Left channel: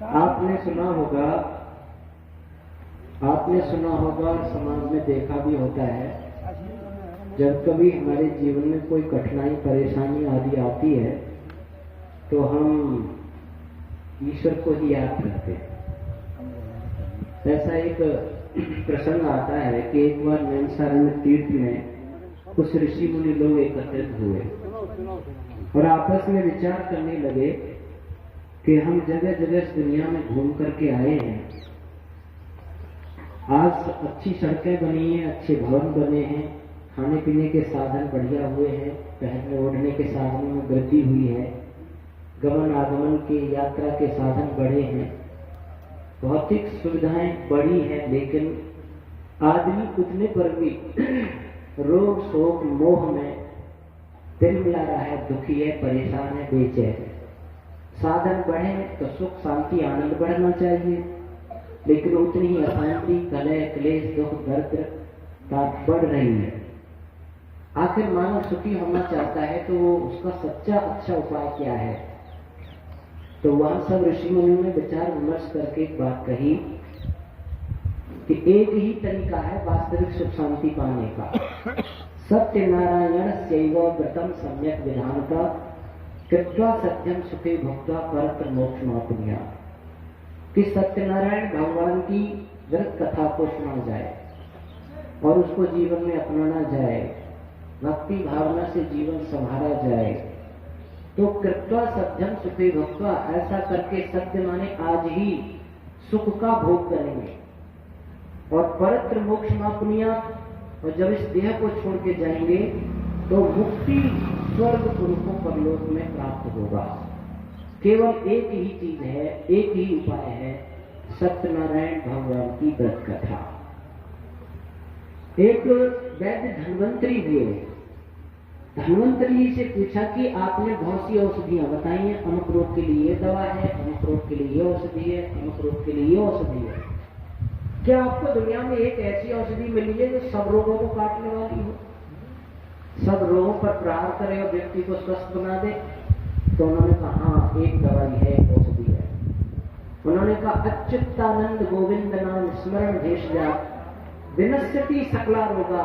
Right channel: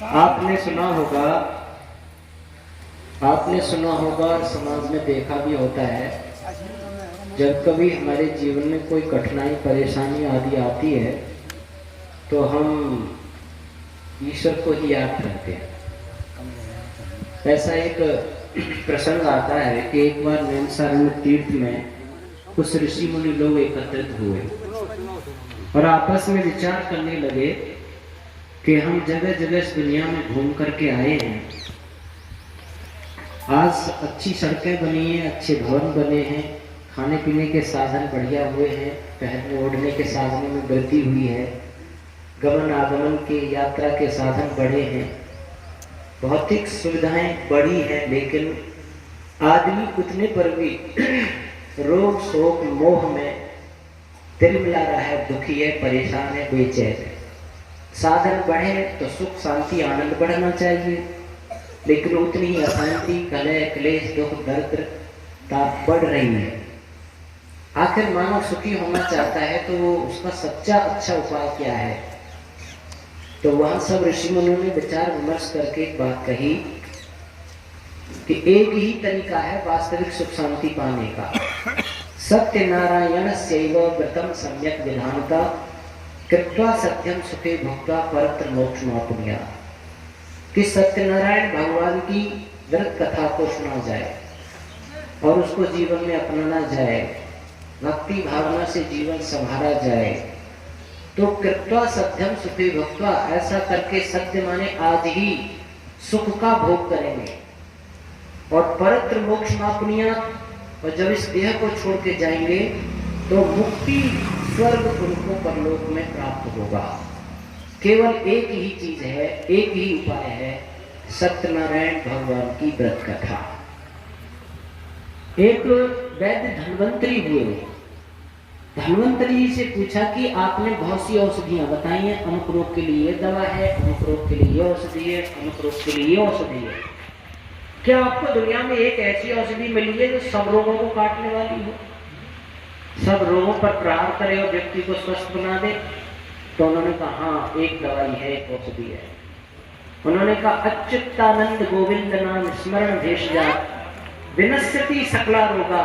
आपने सुना होगा, समाज में देखा भी होता है, जब कभी हमारे जीवन में कोई कठिनाई परेशानी आदि आती है तो हम ईश्वर को ही याद करते हैं। ऐसा एक प्रसंग आता है कि एक बार नैमिषारण्य तीर्थ में कुछ ऋषि मुनि लोग एकत्रित हुए और आपस में विचार करने लगे कि हम जगह जगह इस दुनिया में घूम करके आए हैं। आज अच्छी सड़कें बनी हैं, अच्छे भवन बने हैं, खाने पीने के साधन बढ़िया हुए हैं, पहनने ओढ़ने के साधनों में वृद्धि हुई है, गमन आगमन के यात्रा के साधन बढ़े हैं, भौतिक सुविधाएं बढ़ी हैं, लेकिन आदमी उतने पर भी रोग शोक मोह में तिलमिला रहा है, दुखी है, परेशान है, बेचैन है। साधन बढ़े तो सुख शांति आनंद बढ़ना चाहिए, लेकिन उतनी ही अशांति कलह क्लेश दुख दर्द बढ़ रही है। आखिर मानव सुखी होना चाहता है तो वो उसका सच्चा अच्छा उपाय क्या है? तो वह सब ऋषि मुनियों ने विचार विमर्श करके एक बात कही कि एक ही तरीका है वास्तविक सुख शांति पाने का। सत्यनारायण सेव व्रतम सम्यक विधानता कृत्वा सत्यम सुखे भक्ता परत्र मोक्ष मापुनिया। कि सत्यनारायण भगवान की व्रत कथा को सुना जाए और उसको जीवन में अपनाना जाए, भक्ति भावना से जीवन संभाला जाए, तो कृत्वा सत्यम सुखे भक्त्वा, ऐसा करके सत्य माने आज ही सुख का भोग करेंगे और परत्र मोक्ष मापनिया, और जब इस देह को छोड़ के जाएंगे तो मुक्ति स्वर्ग उनको परलोक में प्राप्त होगा। केवल एक ही चीज है, एक ही उपाय है, सत्यनारायण भगवान की व्रत कथा। एक वैद्य धन्वंतरी हुए, धन्वंतरी जी से पूछा कि आपने बहुत सी औषधियां बताई हैं, अमुक रोग के लिए दवा है, अमुक रोग के लिए औषधि है, अमुक रोग के लिए औषधि है, क्या आपको दुनिया में एक ऐसी औषधि मिली है जो सब रोगों को काटने वाली हो, सब रोगों पर प्रहार करे और व्यक्ति को स्वस्थ बना दे? तो उन्होंने कहा हाँ, एक दवाई है, एक औषधि है। उन्होंने कहा अच्युतानंद गोविंद नाम स्मरण भेषजा विनश्यति सकला रोगा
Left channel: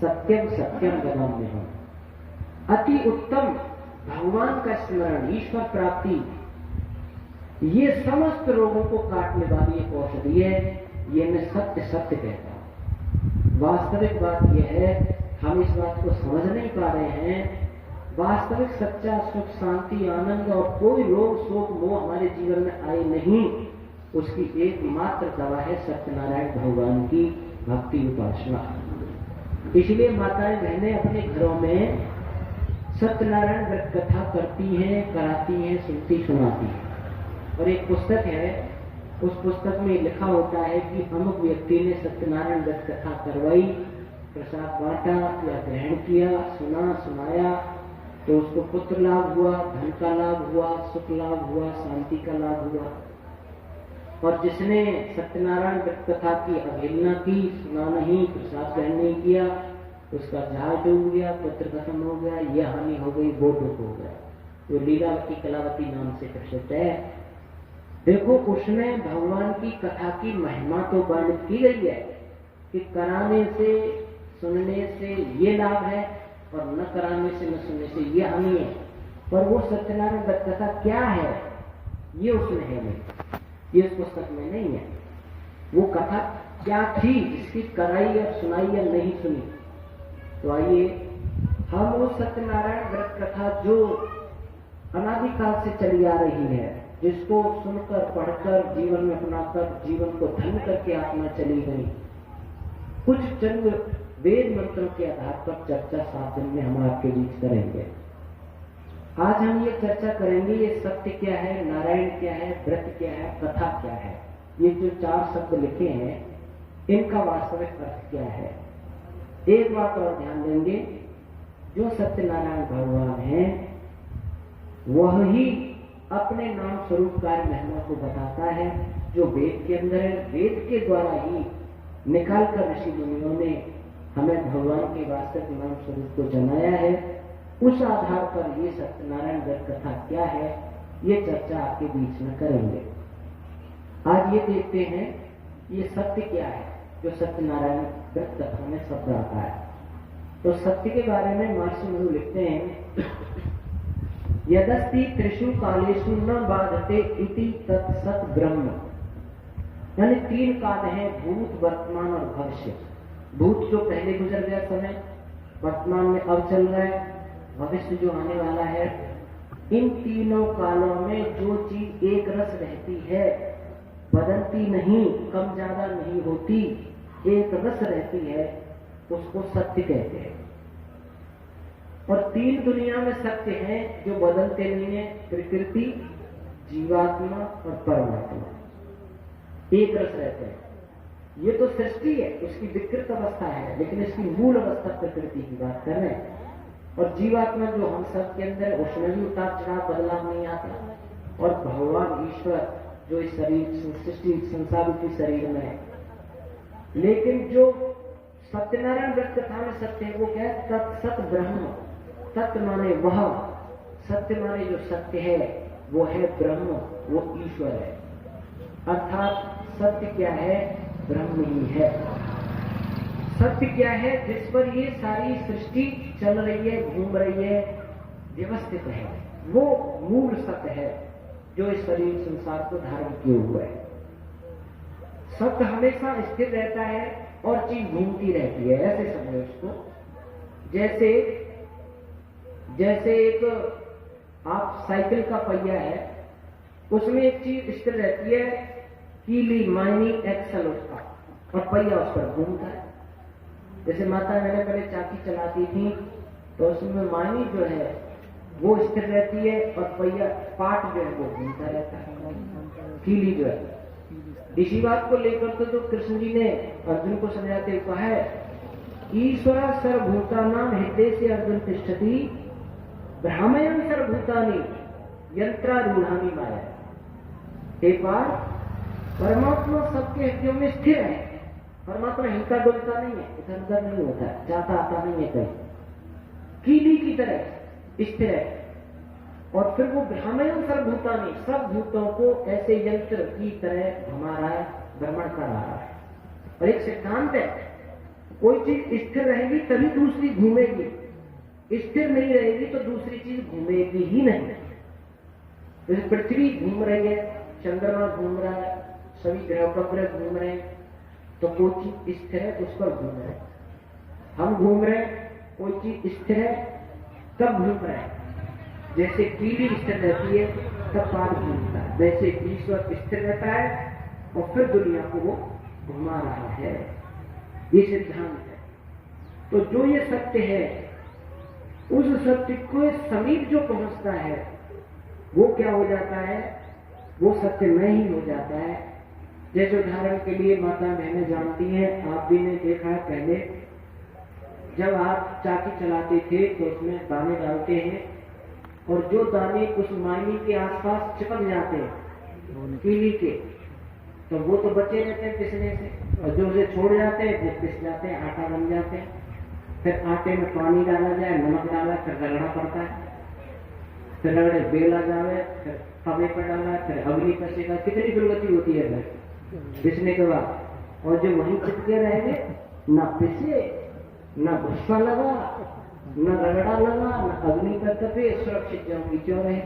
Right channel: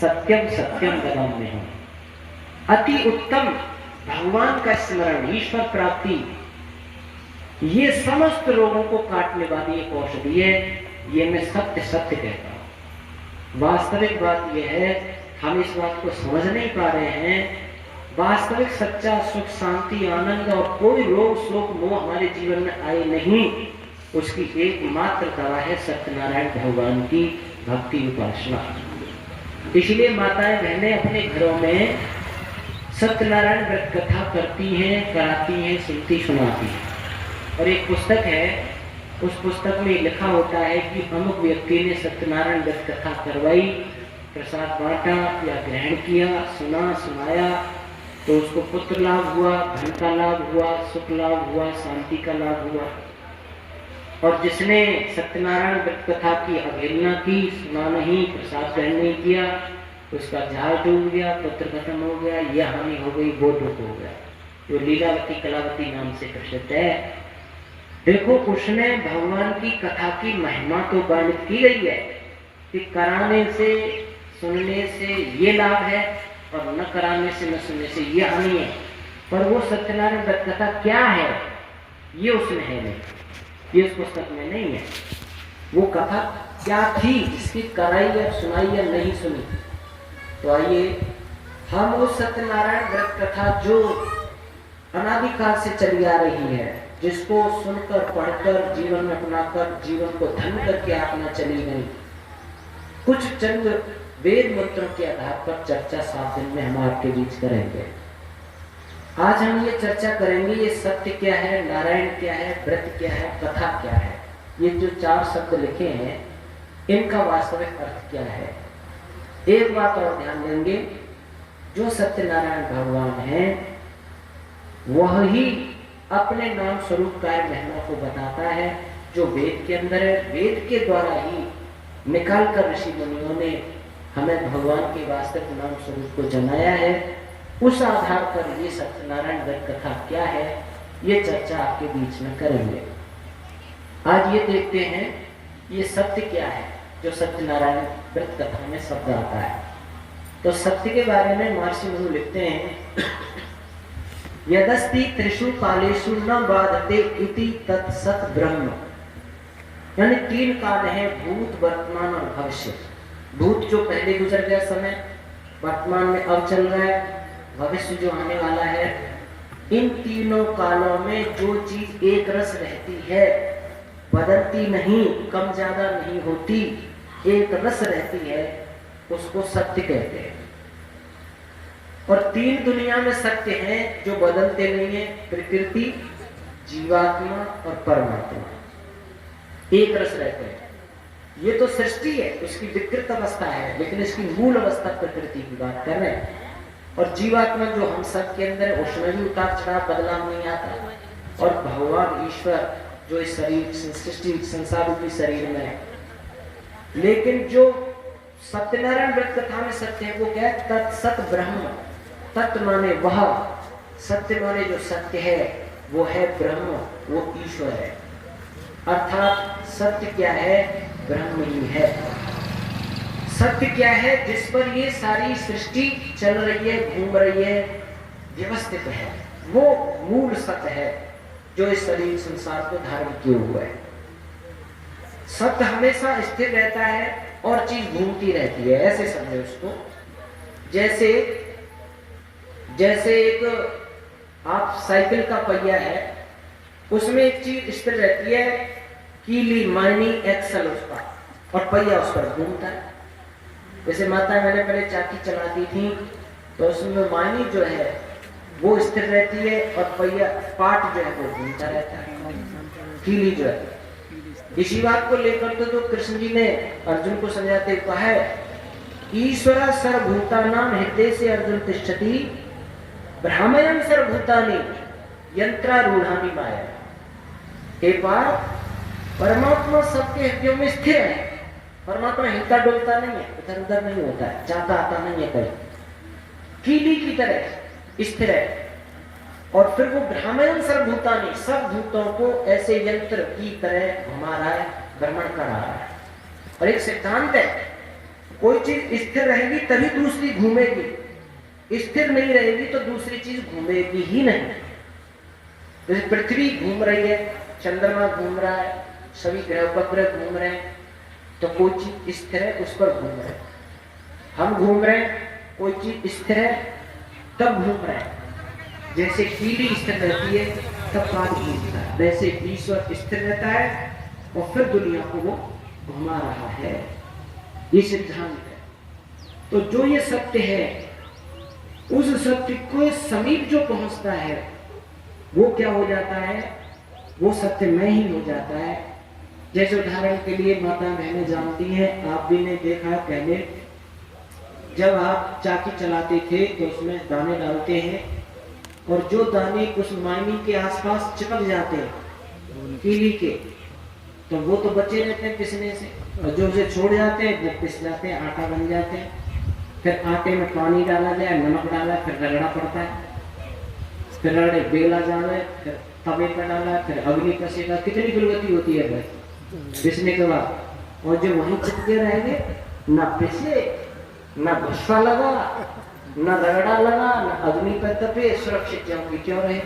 सत्यम सत्यम गदाम्यहम्। अति उत्तम भगवान का स्मरण, ईश्वर प्राप्ति, ये समस्त रोगों को काटने वाली एक औषधि है। ये मैं सत्य सत्य कहता हूं। वास्तविक बात यह है, हम इस बात को समझ नहीं पा रहे हैं। वास्तविक सच्चा सुख शांति आनंद और कोई रोग शोक मोह हमारे जीवन में आए नहीं, उसकी एकमात्र दवा है सत्यनारायण भगवान की भक्ति उपासना। इसलिए माताएं बहनें अपने घरों में सत्यनारायण व्रत कथा करती हैं, कराती हैं, सुनती सुनाती हैं। और एक पुस्तक है, उस पुस्तक में लिखा होता है कि अमुक व्यक्ति ने सत्यनारायण व्रत कथा करवाई, प्रसाद बांटा या ग्रहण किया, सुना सुनाया, तो उसको पुत्र लाभ हुआ, धन का लाभ हुआ, सुख लाभ हुआ, शांति का लाभ हुआ। और जिसने सत्यनारायण व्रत कथा की अवहेलना की, सुना नहीं, प्रसाद ग्रहण नहीं किया, उसका जहाज डूब गया, पुत्र खत्म हो गया, यह हानि हो गई, वो दुख हो गया। जो लीलावती कलावती नाम से प्रसिद्ध है। देखो, उसने भगवान की कथा की महिमा तो वर्णित की गई है कि कराने से सुनने से ये लाभ है और न कराने से न सुनने से ये हानि है, पर वो सत्यनारायण व्रत कथा क्या है ये उसमें है नहीं, ये उस पुस्तक में नहीं है। वो कथा क्या थी, इसकी कराई या सुनाई या नहीं सुनी। तो आइए हम उस सत्यनारायण व्रत कथा जो अनादिकाल से चली आ रही है, जिसको सुनकर पढ़कर जीवन में अपनाकर जीवन को धन्य करके अपना चली गई, कुछ चंद वेद मंत्रों के आधार पर चर्चा 7 दिन में हम आपके बीच करेंगे। आज हम ये चर्चा करेंगे, ये सत्य क्या है, नारायण क्या है, व्रत क्या है, कथा क्या है। ये जो 4 शब्द लिखे हैं, इनका वास्तविक अर्थ क्या है। एक बात और ध्यान देंगे, जो सत्यनारायण भगवान है वह ही अपने नाम स्वरूप कार्य महिमा को बताता है, जो वेद के अंदर है। वेद के द्वारा ही निकाल कर ऋषि मुनियों ने हमें भगवान के वास्तविक नाम स्वरूप को जनाया है। उस आधार पर ये सत्यनारायण व्रत कथा क्या है, ये चर्चा आपके बीच में करेंगे। आज ये देखते हैं ये सत्य क्या है जो सत्यनारायण व्रत कथा में शब्द आता है। तो सत्य के बारे में महर्षि मनु लिखते हैं, यदस्ति त्रिषु कालेषु न बाधते इति तत्सत् ब्रह्म। यानी 3 काल है, भूत, वर्तमान और भविष्य। भूत जो पहले गुजर गया समय, वर्तमान में अब चल रहा है, भविष्य जो आने वाला है। इन तीनों कालों में जो चीज एक रस रहती है, बदलती नहीं, कम ज्यादा नहीं होती, एक रस रहती है, उसको सत्य कहते हैं। और 3 दुनिया में सत्य हैं जो बदलते नहीं है, प्रकृति, जीवात्मा और परमात्मा, एक रस रहते हैं। ये तो सृष्टि है, उसकी विकृत अवस्था है, लेकिन इसकी मूल अवस्था प्रकृति की बात कर रहे हैं। और जीवात्मा जो हम सब के अंदर है, उसमें भी उतार चढ़ाव बदलाव नहीं आता। और भगवान ईश्वर जो इस शरीर सृष्टि संसार रूपी शरीर में है। लेकिन जो सत्यनारायण व्रत कथा में सत्य है वो क्या है? तत्सत ब्रह्म। तत् माने वह, सत्य माने जो सत्य है वो है ब्रह्म, वो ईश्वर है। अर्थात सत्य क्या है? ब्रह्म ही है। सत्य क्या है? जिस पर ये सारी सृष्टि चल रही है, घूम रही है, व्यवस्थित है, वो मूल सत्य है जो इस शरीर संसार को धारण किए हुआ है। सत्य हमेशा स्थिर रहता है और चीज घूमती रहती है, ऐसे समझो उसको। जैसे एक आप साइकिल का पहिया है, उसमें एक चीज स्थिर रहती है, कीली, मायनी, एक्सल उसका, और पहिया उस पर घूमता है। जैसे माता मैंने पहले चाकी चलाती थी तो उसमें मायनी जो है वो स्थिर रहती है और पहिया पार्ट जो है वो घूमता रहता है, कीली जो है। इसी बात को लेकर तो जो कृष्ण जी ने अर्जुन को समझाते कहा है, ईश्वर सर्वभूतानां हृदय से अर्जुन तिष्ठति भ्रामयन् सर्वभूतानि यंत्रारूढ़ानि माया। एक बार परमात्मा सबके हृदयों में स्थिर है। परमात्मा हिलता डुलता नहीं है, इधर उधर नहीं होता है, जाता आता नहीं है कहीं, कीली की तरह स्थिर है। और फिर वो भ्रामयन् सर्वभूतानि, सब भूतों को ऐसे यंत्र की तरह घुमा रहा है, भ्रमण करा रहा है। और एक सिद्धांत है, कोई चीज स्थिर रहेगी तभी दूसरी घूमेगी, स्थिर नहीं रहेगी तो दूसरी चीज घूमेगी ही नहीं। जैसे पृथ्वी घूम रही है, चंद्रमा घूम रहा है, सभी ग्रह उपग्रह घूम रहे हैं, तो कोई चीज स्थिर है उस पर घूम रहे हैं। हम घूम रहे हैं, कोई चीज स्थिर है तब घूम रहे हैं। जैसे कीली स्थिर रहती है तब पानी घूमता है, वैसे ईश्वर स्थिर रहता है और फिर दुनिया को वो घुमा रहा है। ये सिद्धांत है। तो जो ये सत्य है, उस सत्य को समीप जो पहुंचता है वो क्या हो जाता है? वो सत्य में ही हो जाता है। जैसे उदाहरण के लिए माता बहनें जानती हैं, आप भी ने देखा पहले जब आप चाकी चलाते थे तो उसमें दाने डालते हैं और जो दाने उस मायनी के आसपास चिपक जाते हैं कीली के, तो वो तो बचे रहते हैं पिसने से, और जो उसे छोड़ जाते हैं वो पिस जाते हैं, आटा बन जाते हैं। फिर आटे में पानी डाला जाए, नमक डाला, फिर रगड़ना पड़ता है, फिर रगड़े बेला जाना है, फिर तवे पर डाला, फिर अग्नि कसेगा। कितनी दुर्गति होती है फिर पिसने के बाद। और जो वहीं चिपके रहेंगे, ना पिसे, ना भस्वा लगा, ना रगड़ा लगा, ना अग्नि पर तपे, सुरक्षित ज्यों की त्यों रहे।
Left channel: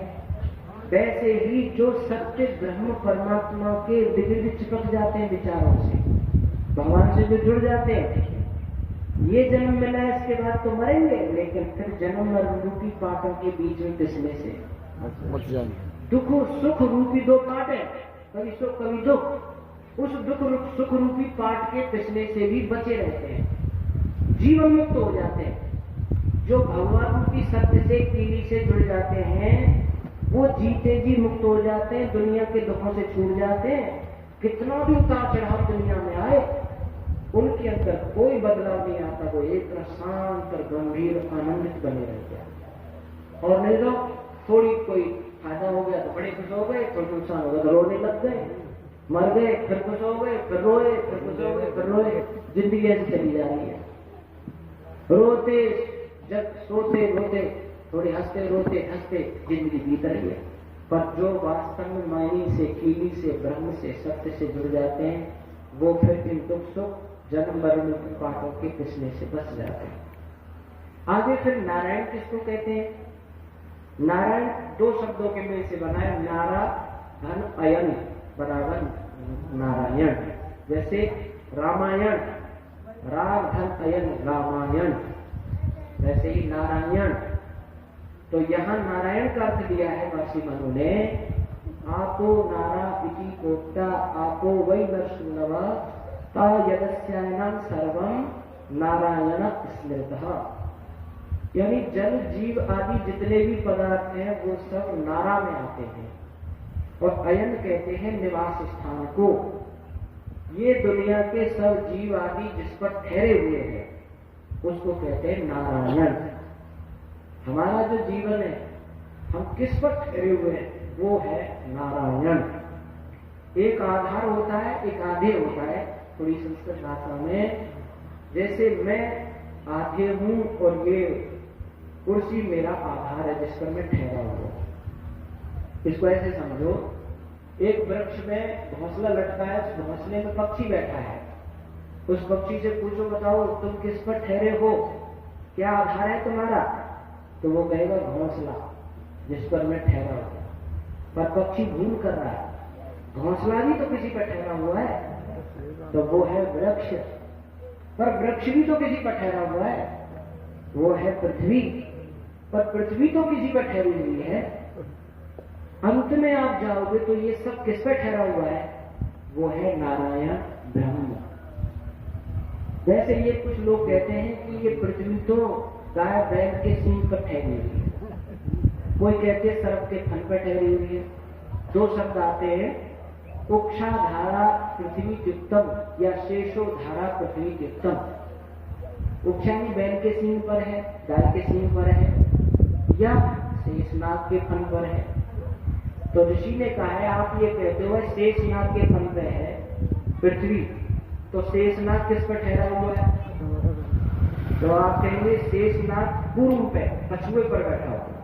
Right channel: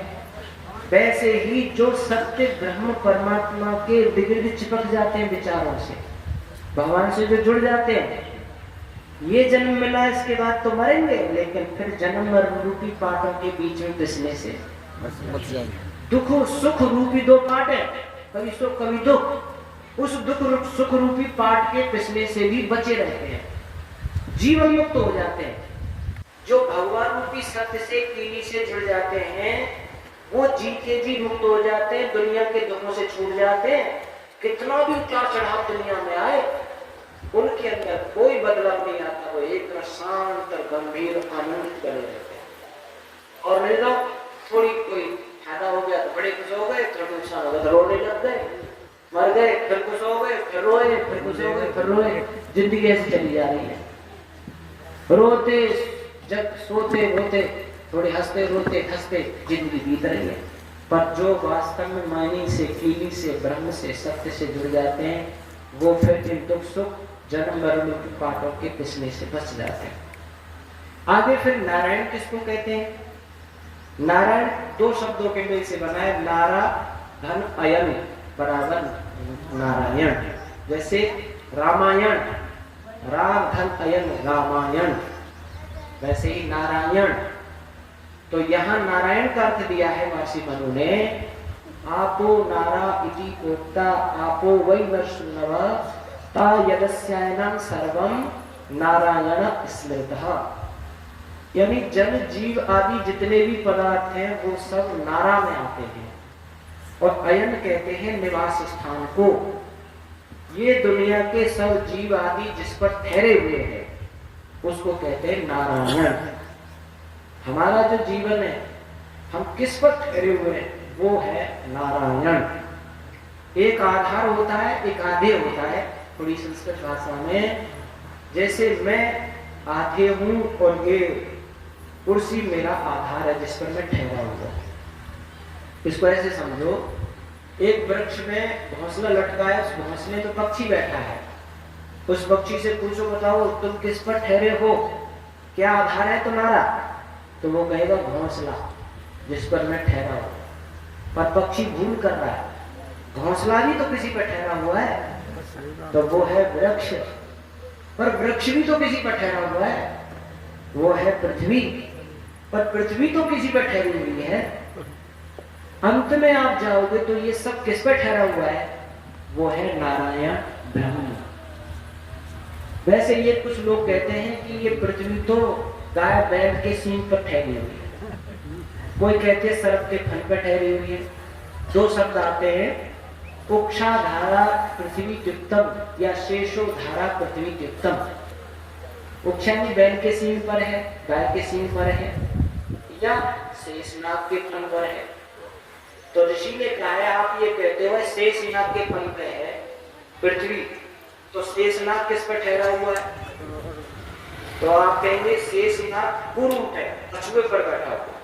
वैसे ही जो सत्य ब्रह्म परमात्मा के इर्द गिर्द चिपक जाते हैं विचारों से, भगवान से जो जुड़ जाते हैं, ये जन्म मिला इसके बाद तो मरेंगे, लेकिन फिर जन्म और रूपी पाटों के बीच में पिसने से दुख सुख रूपी 2 पाट है, कभी सुख कभी दुख। उस दुख सुख रूपी पाट के पिसने से भी बचे रहते हैं, जीवन मुक्त हो जाते हैं। जो भगवान रूपी सत्य से कीली से जुड़ जाते हैं वो जीते जी मुक्त हो जाते हैं, दुनिया के दुखों से छूट जाते हैं। कितना भी उतार चढ़ाव दुनिया में आए, उनके अंदर कोई बदलाव नहीं आता, वो एक शांत और गंभीर आनंदित बने रहते हैं। और नहीं तो थोड़ी कोई फायदा हो गया तो बड़े खुश हो गए, थोड़ा नुकसान हो गया तो रोने लग गए, मर गए फिर खुश हो गए, फिर रोए, फिर खुश हो गए, फिर रोए। जिंदगी ऐसी चली जा रही है, रोते जब सोते रोते, थोड़े हंसते रोते हंसते जिंदगी बीत रही है। पर जो वास्तव में मायने से, कीली से, ब्रह्म से, सत्य से जुड़ जाते हैं, वो फिर इन दुख सुख जन्म मरण की पाटों के पिसने से बच जाते हैं। आगे फिर नारायण किसको कहते हैं? नारायण दो शब्दों के मेल से बना है, नारा धन अयन बराबर नारायण। जैसे रामायण, राम धन अयन रामायण, वैसे ही नारायण। तो यहाँ नारायण का अर्थ दिया है महर्षि मनु ने, आपो नारा इति प्रोक्ता आपो वै नरसिंहव ता यदस्यायनं सर्वं नारायण स्मृतः। यानी जन जीव आदि जितने भी पदार्थ हैं वो सब नारा में आते हैं, और अयन कहते हैं निवास स्थान को। ये दुनिया के सब जीव आदि जिस पर ठहरे हुए हैं उसको कहते हैं नारायण। हमारा जो जीवन है, हम किस पर ठहरे हुए हैं, वो है नारायण। एक आधार होता है, एक आधे होता है। थोड़ी संस्कृत भाषा में, जैसे मैं आधे हूं और ये कुर्सी मेरा आधार है जिस पर मैं ठहरा हुआ। इसको ऐसे समझो, एक वृक्ष में घोंसला लटका है, उस घोंसले में पक्षी बैठा है। उस पक्षी से पूछो, बताओ तुम किस पर ठहरे हो, क्या आधार है तुम्हारा? तो वो कहेगा घोंसला जिस पर मैं ठहरा हूं। पर पक्षी भूल कर रहा है, घोंसला भी तो किसी पर ठहरा हुआ है, तो वो है वृक्ष। पर वृक्ष भी तो किसी पर ठहरा हुआ है, वो है पृथ्वी। पर पृथ्वी तो किसी पर ठहरी हुई है। अंत में आप जाओगे तो ये सब किस पर ठहरा हुआ है? वो है नारायण ब्रह्म। वैसे ये कुछ लोग कहते हैं कि ये पृथ्वी तो गाय बैल के सींग पर ठहरी हुई है, कोई कहते हैं सर्प के फन पर ठहरी हुई है। दो शब्द आते हैं, उक्षा धारा पृथ्वी युक्तम या शेषो धारा पृथ्वी युक्तम। उक्षानी बैल के सींग पर है, गाय के सींग पर है, या शेषनाग के फन पर है। तो ऋषि ने कहा है, आप ये कहते हो शेषनाग के फन पे है पृथ्वी, तो शेषनाग किस पर ठहरा हुआ है? तो आप कहेंगे शेषनाग पूर्व पे कछुए पर बैठा हुआ।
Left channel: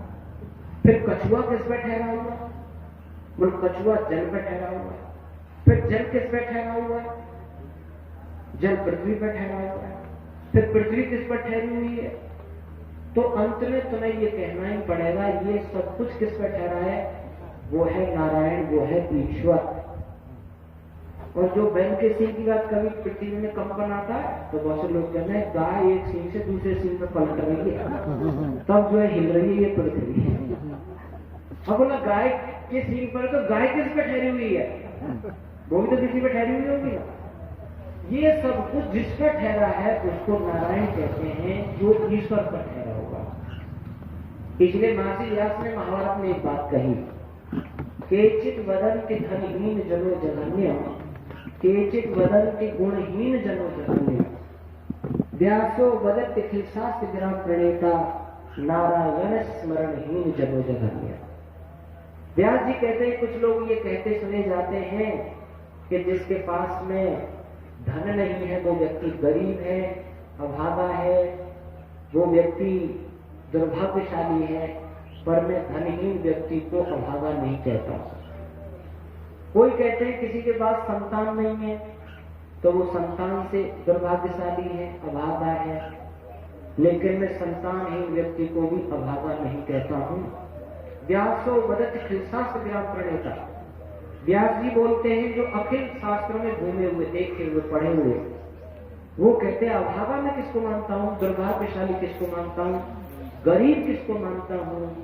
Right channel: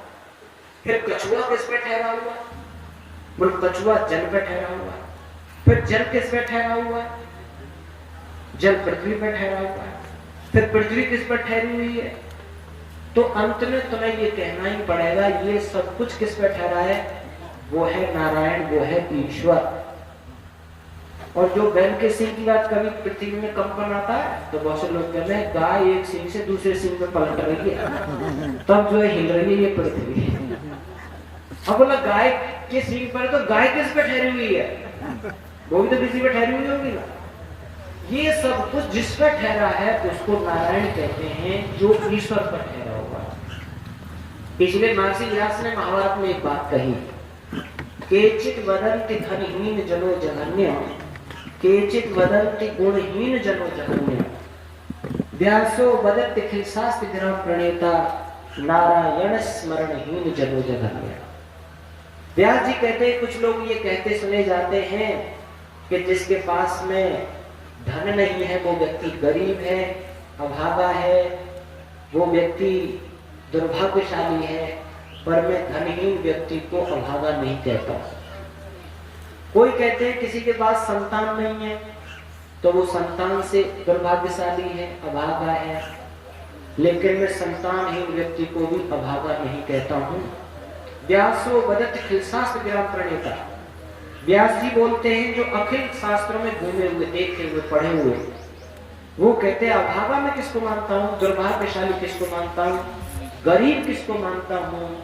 फिर कछुआ किस पर ठहरा हुआ? बोल कछुआ जल पर ठहरा हुआ। फिर जल किस पर ठहरा हुआ? जल पृथ्वी पर ठहरा हुआ है। फिर पृथ्वी किस पर ठहरी हुई है? तो अंत में तुम्हें ये कहना ही पड़ेगा, ये सब कुछ किस पर ठहरा है? वो है नारायण, वो है ईश्वर। और जो बैल के सींग की बात, कभी पृथ्वी में कंपन आता है तो बहुत से लोग कहते हैं गाय एक सींग से दूसरे सींग में पलट रही है, तब जो है हिल रही है ये पृथ्वी। अब बोला गाय के सींग पर, तो गाय किस पे ठहरी हुई है? वो भी तो किसी पे ठहरी हुई होगी ना। ये सब कुछ जिस पर ठहरा है उसको नारायण कहते हैं, जो ईश्वर पर ठहरा हुआ है। इसलिए महर्षि व्यास ने महाभारत में एक बात कही, केचित वदन्ति धनहीन जनो जघन्य, केचित वदन्ति गुणहीन जनो जघन्य, व्यासो वदति अखिल शास्त्र ग्रह प्रणेता, नारायण स्मरणहीन जनो जघन्य। व्यास जी कहते हैं, कुछ लोग ये कहते सुने जाते हैं कि जिसके पास में धन नहीं है वो व्यक्ति गरीब है, अभागा है, वो व्यक्ति दुर्भाग्यशाली है। पर मैं धनहीन व्यक्ति को अभागा नहीं कहता। कोई कहते हैं किसी के पास संतान नहीं है तो वो संतान से दुर्भाग्यशाली है, अभागा है। लेकिन मैं संतानहीन व्यक्ति को भी अभागा नहीं कहता हूँ। व्यासो वदति अखिल शास्त्र ग्रह प्रणेता, व्यास जी बोलते हैं जो अखिल शास्त्रों में घूमे हुए, देखे हुए, पढ़े हुए, वो कहते हैं अभागा मैं किसको मानता हूँ, दुर्भाग्यशाली किसको मानता हूँ, गरीब किसको मानता हूँ?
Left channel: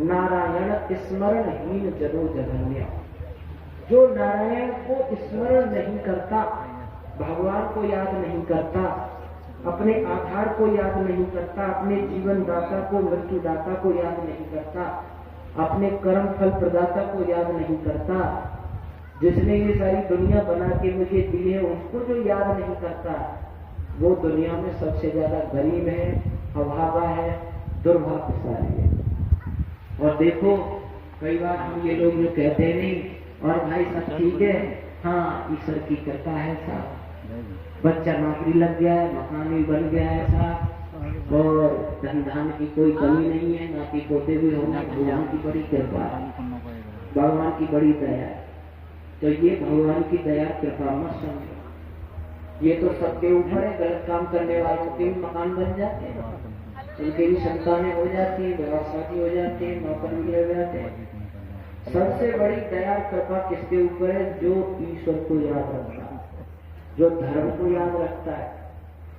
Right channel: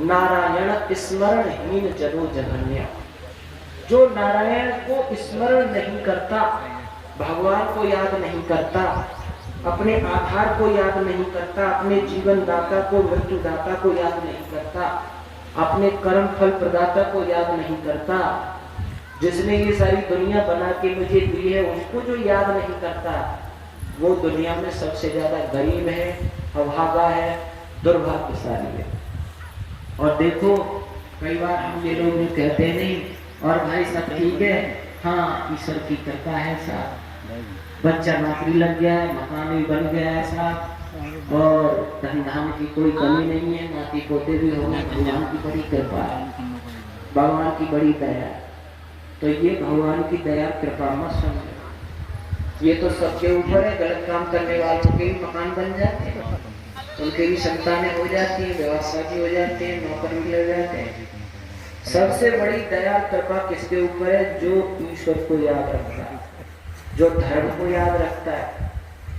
नारायण स्मरणहीन जनो जघन्य। जो नारायण को स्मरण नहीं करता, भगवान को याद नहीं करता, अपने आधार को याद नहीं करता, अपने जीवन दाता को, मृत्यु दाता को याद नहीं करता, अपने कर्म फल प्रदाता को याद नहीं करता, जिसने ये सारी दुनिया बना के मुझे दी है उसको जो याद नहीं करता, वो दुनिया में सबसे ज्यादा गरीब है, अभागा है, दुर्भाग्यशाली है। और देखो कई बार हम ये लोग कहते नहीं, और भाई सब ठीक है, हाँ ईश्वर की कृपा है साहब, बच्चा नौकरी लग गया है, मकान भी बन गया है साहब, और धन धान की कोई कमी नहीं है, नाती पोते भी होना, भगवान की बड़ी कृपा है। भगवान की बड़ी दया। तो ये भगवान की दया कृपा मत समझो, ये तो सबके ऊपर है। गलत काम करने वालों के भी मकान बन जाते हैं, उनके भी संतानें हो जाती है, व्यवस्था भी हो जाती है, नौकर भी लग जाते हैं। सबसे बड़ी दया कृपा किसके ऊपर है? जो ईश्वर को याद रखता है, जो धर्म को याद रखता है,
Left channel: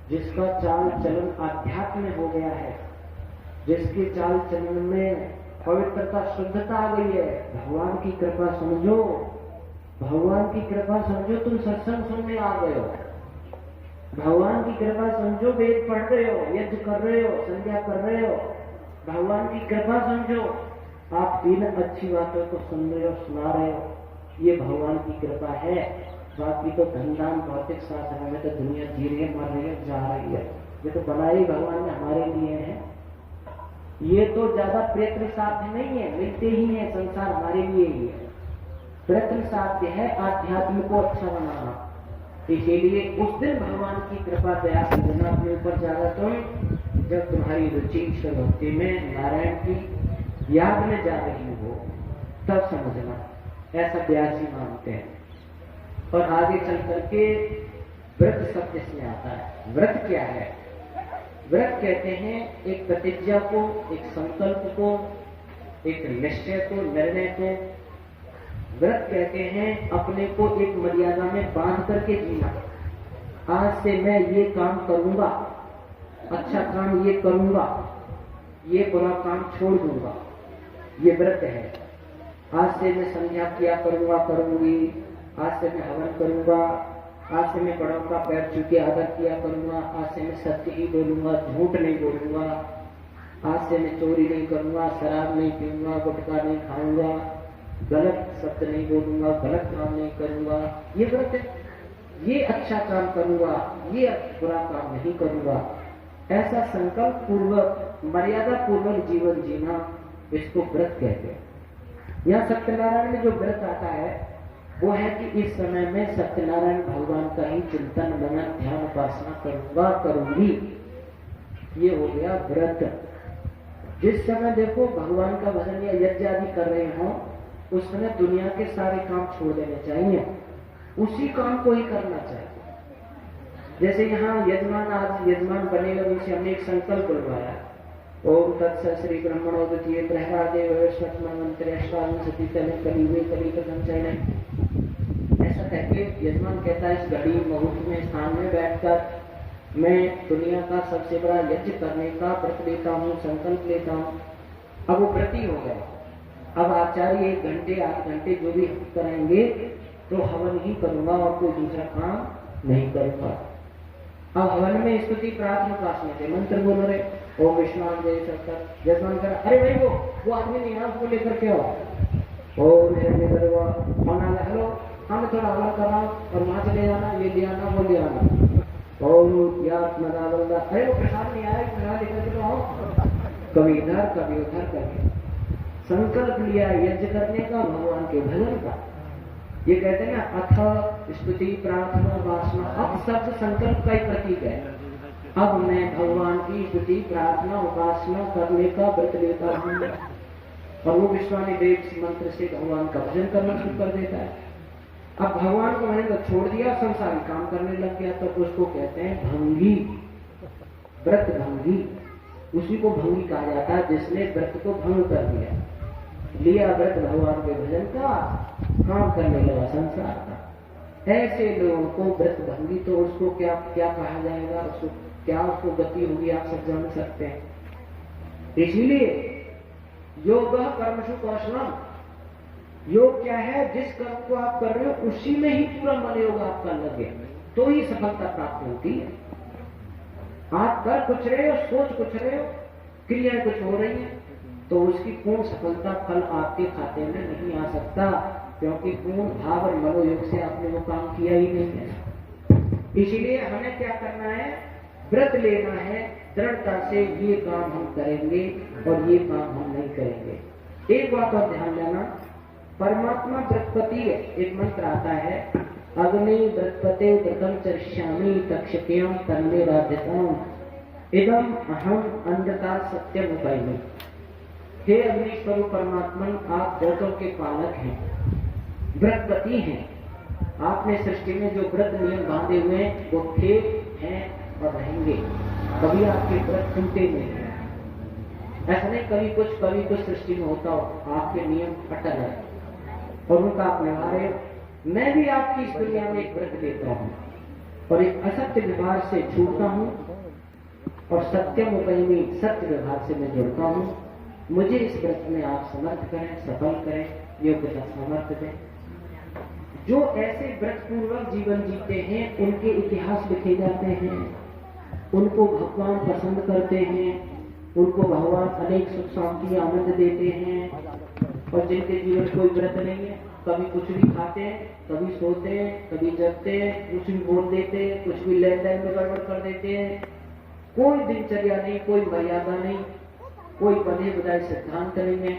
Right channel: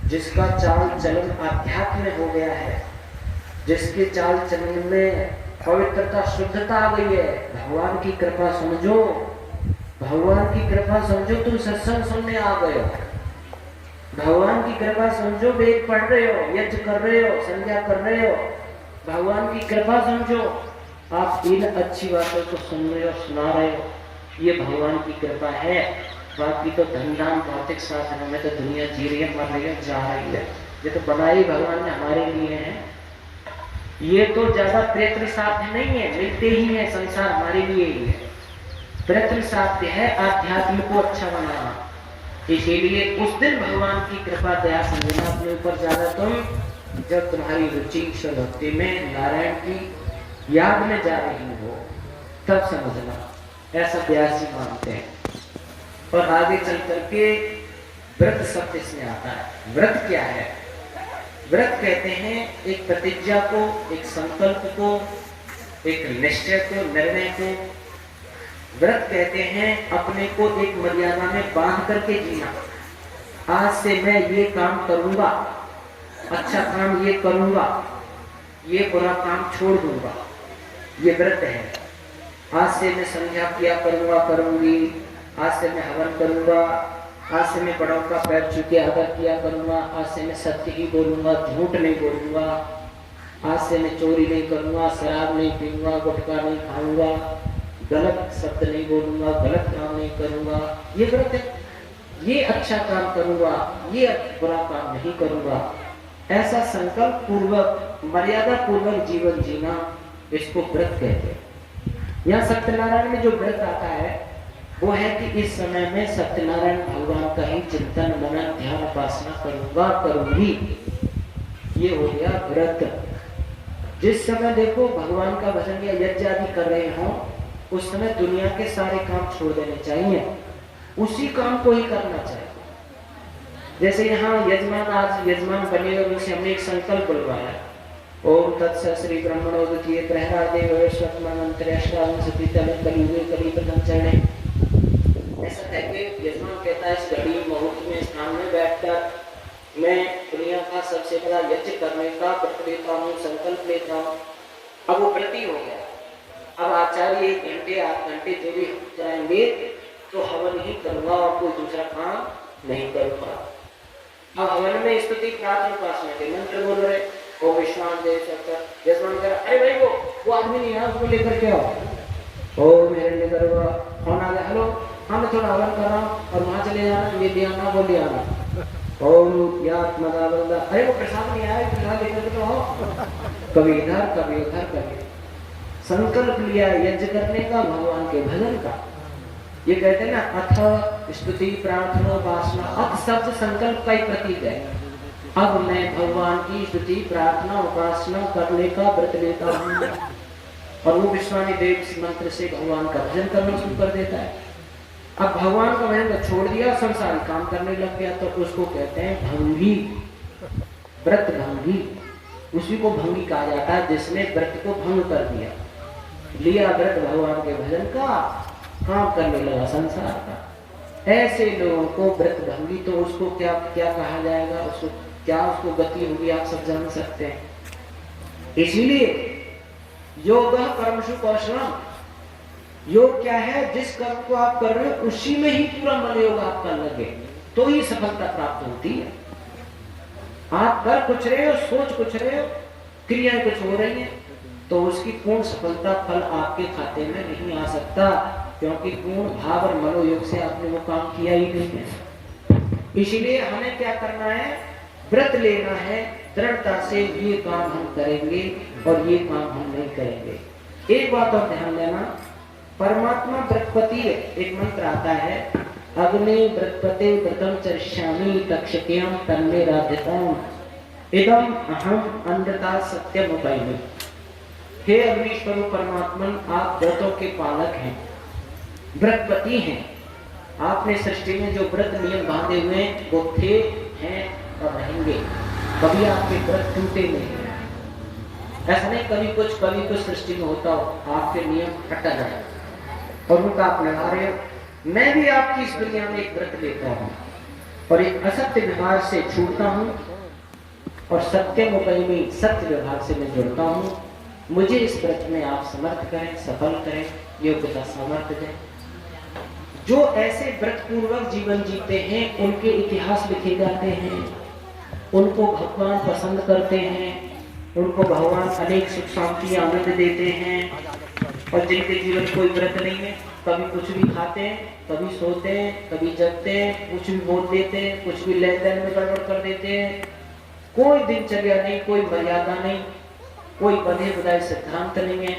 जिसका चाल चलन आध्यात्म में हो गया है, जिसके चाल चलन में पवित्रता शुद्धता आ गई है। भगवान की कृपा समझो, भगवान की कृपा समझो। तुम सत्संग सुनने आ गए हो, भगवान की कृपा समझो। वेद पढ़ रहे हो, यज्ञ कर रहे हो, संध्या कर रहे हो, भगवान की कृपा समझो। आप इन अच्छी बातों को सुन रहे हो, सुना रहे हो, ये भगवान की कृपा है। बाकी तो धनधाम भौतिक साधनों में तो दुनिया जी रही है, मर रही है, जा रही है। ये तो बनाई भगवान ने हमारे लिए है। ये तो ज्यादा प्रयत्न साध्य नहीं है, मिलते ही है। संसार हमारे लिए ही है, प्रयत्न साध्य है आध्यात्म को अच्छा बनाना। इसीलिए उस दिन भगवान की कृपा दया समझना अपने ऊपर ज्यादा। तुम जब तुम्हारी रुचि ईश्वर भक्ति में, नारायण की याद में जा रही हो, तब समझना। ऐसा व्यासी मानते हैं। और आगे चल करके व्रत शब्द इसमें आता है। व्रत क्या है? व्रत कहते हैं एक प्रतिज्ञा को, एक संकल्प को, एक निश्चय को, निर्णय को। व्रत कहते हैं अपने को एक मर्यादा में बांध करके जीना। आज से मैं ये काम करूंगा, अच्छा काम ये करूंगा, ये बुरा काम छोड़ दूंगा, ये व्रत है। आज से मैं संध्या किया करूंगा, करूंगी, आज से मैं हवन करूंगा, आज से मैं बड़ों का पैर छू के आदर किया करूंगा, आज से मैं सत्य ही बोलूंगा, झूठ नहीं बोलूंगा, आज से मैं चोरी नहीं करूंगा, शराब नहीं पीऊंगा, गुटखा नहीं खाऊंगा, गलत शब्द नहीं बोलूंगा, गलत काम नहीं करूंगा। ये व्रत है। ये अच्छा काम करूंगा, ये बुरा काम नहीं करूंगा। ऐसा संकल्प पूर्वक, मर्यादा पूर्वक जीवन जीना, इसको व्रत कहते हैं। यहाँ सत्यनारायण में जो व्रत आता है वो है कि इस समय में सत्यनारायण भगवान का ही चिंतन, मनन, ध्यान, उपासना करूंगा, करूंगी। ये हो गया व्रत। जिस समय देखो भगवान का भजन या यज्ञ आदि कर रहे हो, उस समय दुनिया के सारे काम छोड़ देने चाहिए, उसी काम को ही करना चाहिए। जैसे यहाँ यजमान, आज यजमान बने, उनसे हमने एक संकल्प बुलवाया, ओम तत्सत् श्री ब्रह्मणोदकीय प्रहलादेव स्वत्मंत्रेष्टाविंशति तले कलियुगे कलिप्रथम चरणे। ऐसा कहके यजमान कहता है, इस घड़ी मुहूर्त में स्थान में बैठकर मैं दुनिया का सबसे बड़ा यज्ञ करने का व्रत लेता हूँ, संकल्प लेता हूँ। अब वो व्रती हो गया। अब आचार्य 1 घंटे 8 घंटे जो भी कराएंगे तो हवन ही करूंगा और कोई दूसरा काम नहीं करूंगा। अब हवन में स्तुति प्रार्थना उपासना के मंत्र बोल रहे, ओम विश्वान देव सत्तर। यजमान कर, अरे भाई वो आदमी नहीं है, उसको लेकर के आओ। ओम हिरण्य गर्भ, कौन आ गया? हेलो, हाँ मैं थोड़ा हवन कर रहा हूँ, और वहां चले जाना, ये ले आना, वो ले आना। ओम यात्मदानंद, अरे वो प्रसाद नहीं आया, प्रसाद लेकर के आओ। कभी इधर कभी उधर, कभी संकल्प लिया यज्ञ करने का, भगवान के भजन का। ये कहते हैं ना, अथ स्तुति प्रार्थना उपासना। अब शब्द संकल्प का ही प्रतीक है। अब मैं भगवान की स्तुति प्रार्थना उपासना करने का व्रत लेता हूँ, और वो विश्वानी देव मंत्र से भगवान का भजन करना शुरू कर देता है। अब भगवान का भजन तो छोड़ दिया, संसारी काम करने लग गया, तो उसको कहते हैं भंगी, व्रत भंगी। उसी को भंगी कहा जाता है जिसने व्रत को भंग कर दिया, लिया व्रत भगवान के भजन का, काम करने लगा संसार का। ऐसे लोगों को व्रत भंगी, तो उसको क्या क्या कहा जाएगा, उसको क्या उसको गति होगी, आप सब जान सकते हैं। इसलिए योग कर्मसु कौशलम, योग क्या है? जिस कर्म को आप कर रहे हो उसी में ही पूरा मनोयोग आपका लगे, तो ही सफलता प्राप्त होती है। आप कर कुछ रहे हो, सोच कुछ रहे हो, क्रियाएं कुछ हो रही हैं, तो उसकी पूर्ण सफलता फल आपके खाते में नहीं आ सकता, क्योंकि पूर्ण भाव और मनोयोग से आपने वो काम किया ही नहीं है। इसीलिए हमें क्या करना है? व्रत लेना है दृढ़ता से, ये काम हम करेंगे और ये काम हम नहीं करेंगे। एक बात और ध्यान देना, परमात्मा व्रतपति है। एक मंत्र आता है, अग्नि व्रतपते व्रतम चरिष्यामि तक्षक्याम तन्मे राध्यताम इदम अहम अनृता सत्यम उपैमि। हे अग्निश्वरूप परमात्मन, आप व्रतों के पालक हैं, व्रतपति हैं। आपने सृष्टि में जो व्रत नियम बांधे हुए हैं वो थे, हैं और रहेंगे। कभी आपके व्रत टूटे नहीं हैं। ऐसा नहीं कभी कुछ सृष्टि में होता हो, आपके नियम अटल है और उनका आप लगा रहे हो। मैं भी आपकी इस दुनिया में एक व्रत लेता हूँ और एक असत्य व्यवहार से छूटता हूँ और सत्यम उपयमी सत्य व्यवहार से मैं जुड़ता हूँ। मुझे इस व्रत में आप समर्थ करें, सफल करें, योग्यता समर्थ दें। जो ऐसे व्रत पूर्वक जीवन जीते हैं उनके इतिहास लिखे जाते हैं, उनको भगवान पसंद करते हैं, उनको भगवान अनेक सुख शांति आनंद देते हैं। और जिनके जीवन कोई व्रत नहीं है, कभी कुछ भी खाते हैं, कभी सोते हैं, कभी जगते हैं, कुछ भी बोल देते हैं, कुछ भी लेन देन में गड़बड़ कर देते हैं, कोई दिनचर्या नहीं, कोई मर्यादा नहीं, कोई बंधे बुधाए सिद्धांत नहीं है।